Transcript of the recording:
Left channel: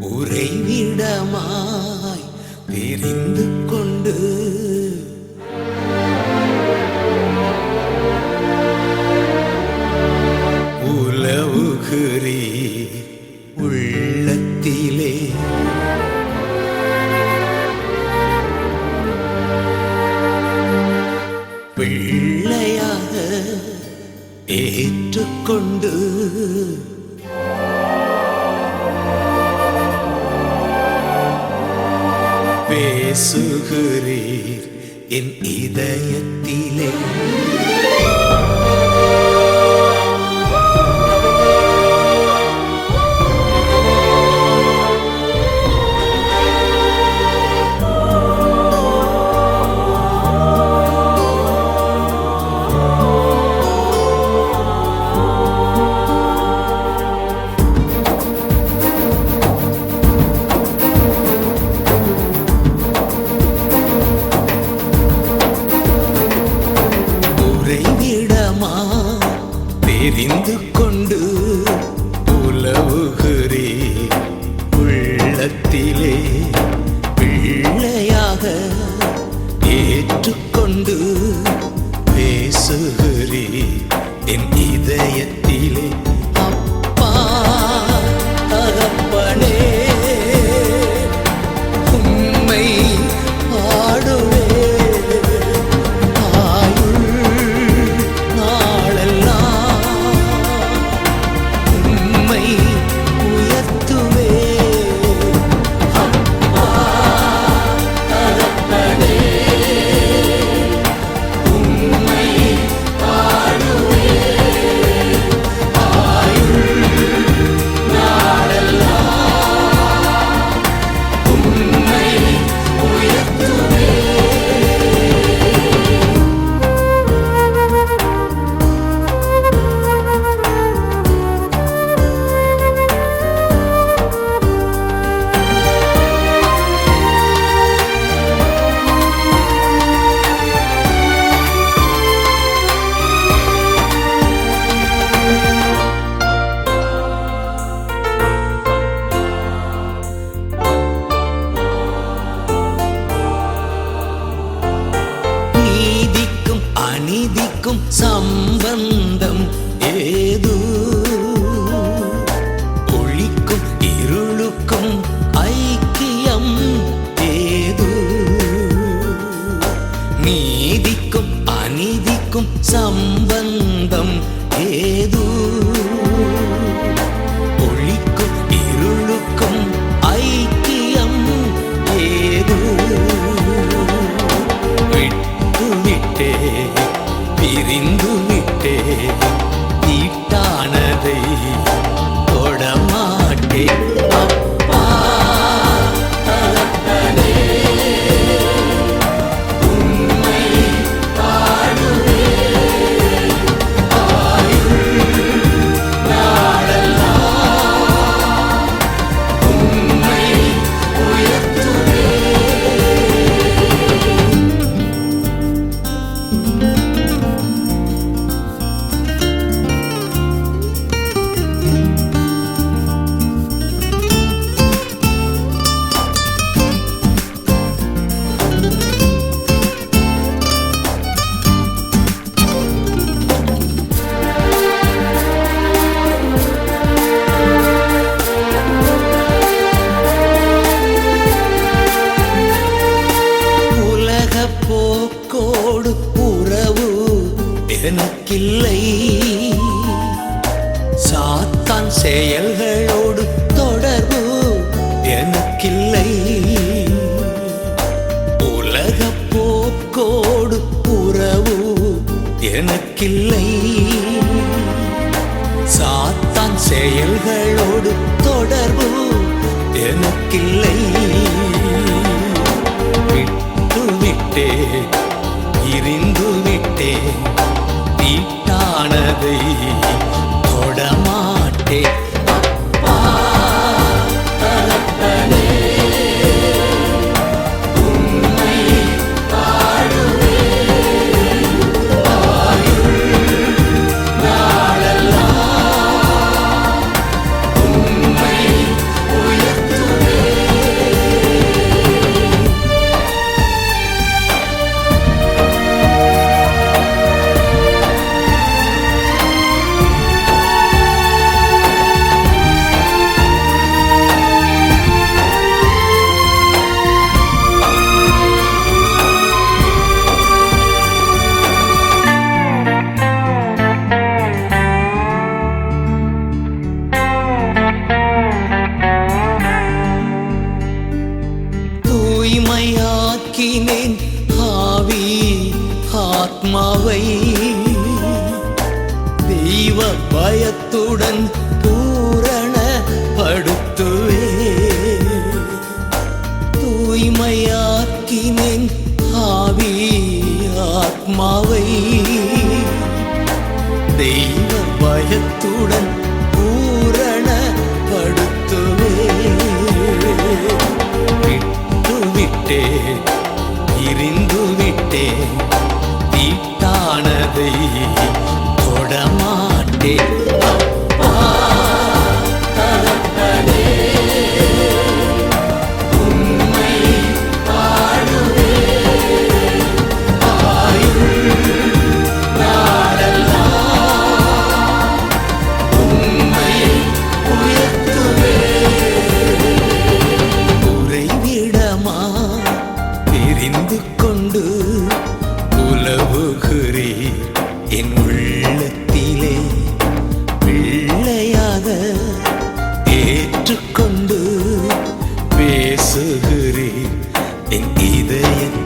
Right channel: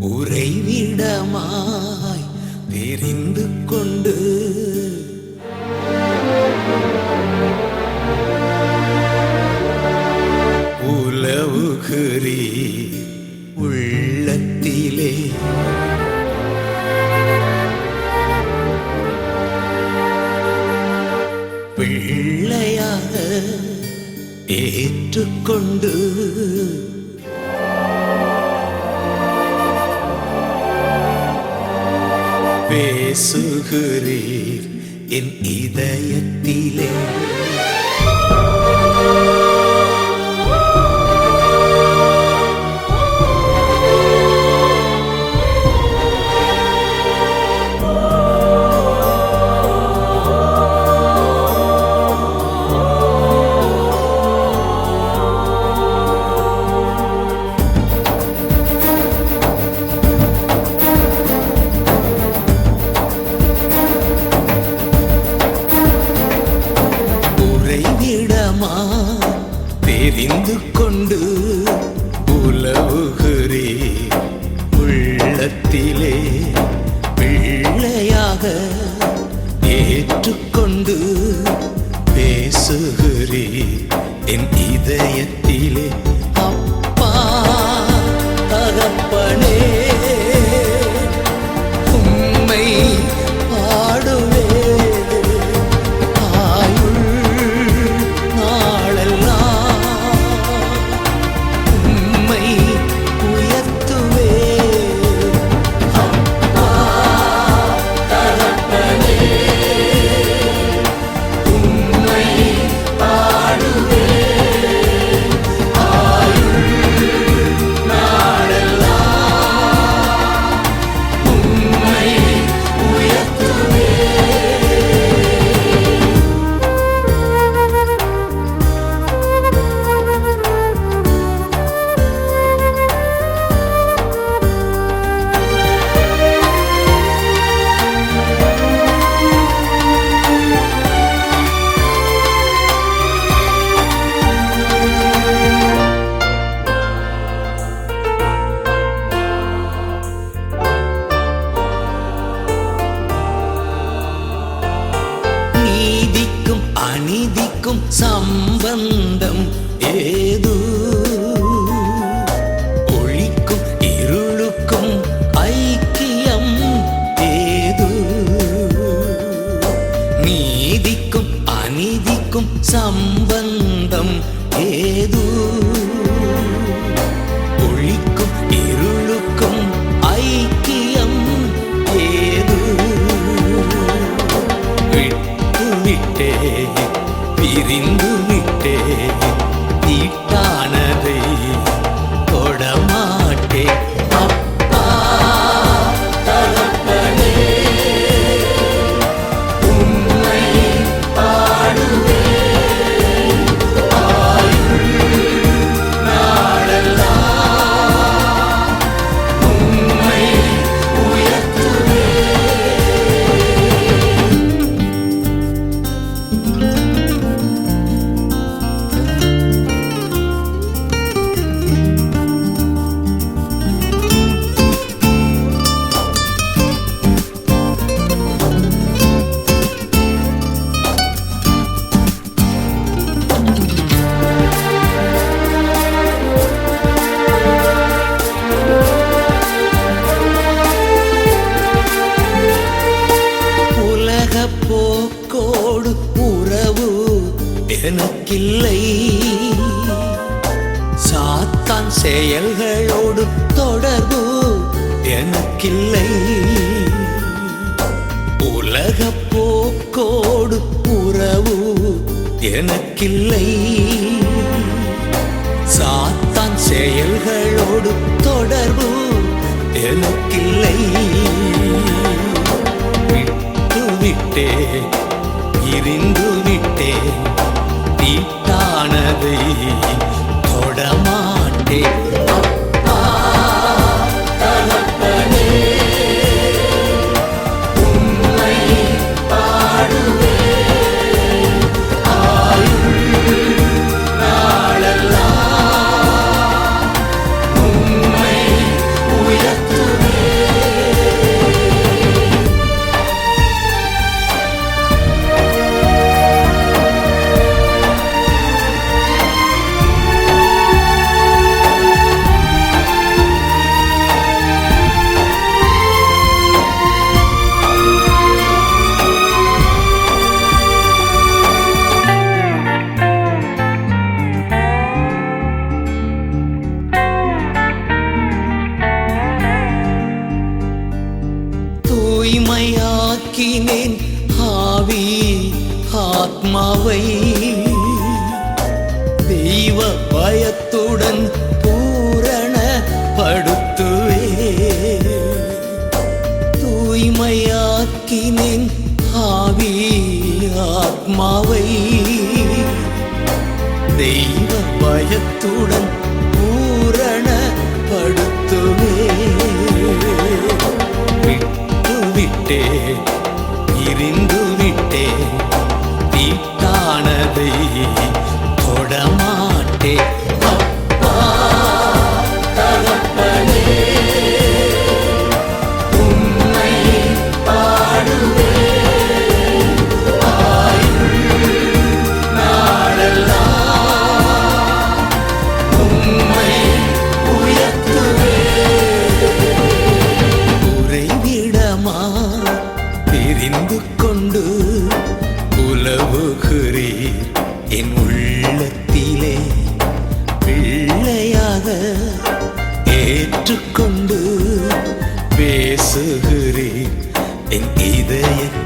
உறைவிடமாய் தெரிந்து கொண்டு உலவுகிறீ உள்ளத்திலே பிள்ளையாக ஏற்றுக்கொண்டு பேசுகிறீர் என் இதயத்திலே. தெரிந்து கொண்டு உலவுகிறீர் உள்ளத்திலே பிள்ளையாக ஏற்றுக்கொண்டு பேசுகிறீர் என் இதயத்திலே. அப்பா தகப்பனே உம்மை பாடுவே அநீதிக்கும் சம்பந்தம் ஏது? ஒளிக்கும் இருளுக்கும் ஐக்கியம் ஏது? நீதிக்கும் அநீதிக்கும் சம்பந்தம் ஏது? ஒளிக்கும் இருளுக்கும் ஐக்கியம் ஏது? விட்டே பிரிந்து விட்டே தீட்டானதை தொடமாட்டே. அப்பா தகப்பனே உம்மை பாடுவே ஆயுள் நாளெல்லாம் உம்மை உயர்த்துவே. போக்கோடு உறவு எனக்கில்லை, சாத்தான் செயல்களோடு தொடர்பு எனக்கில்லை. உலக போக்கோடு உறவு எனக்கில்லை, சாத்தான் செயல்களோடு தொடர்பு எனக்கில்லை. விட்டே இருந்து விட்டே தீட்டானதை தொடமாட்டே. அப்பா தகப்பனே உம்மை பாடுவே ஆயுள் நாளெல்லாம் உம்மை உயர்த்துவே. ஆக்கினேன் ஆவி ஆத்மாவை தெய்வ பயத்துடன் பூரணப்படுத்துவே தூய்மையாக்கினேன் ஆவி ஆத்மாவை தெய்வ பயத்துடன் பூரணப்படுத்துவே விட்டுவிட்டேன் இருந்து விட்டேன் தீட்டானதை தொடமாட்டேன் அப்பா தகப்பனே உம்மை பாடுவேன் ஆயுள் நாளெல்லாம் உம்மை உயர்த்துவேன் உறைவிடமா தெரிந்து கொண்டு உலவுகிறீர் என் உள்ளத்திலே பிள்ளையாக ஏற்றுக்கொண்டு பேசுகிறீர் என் இதயத்தில்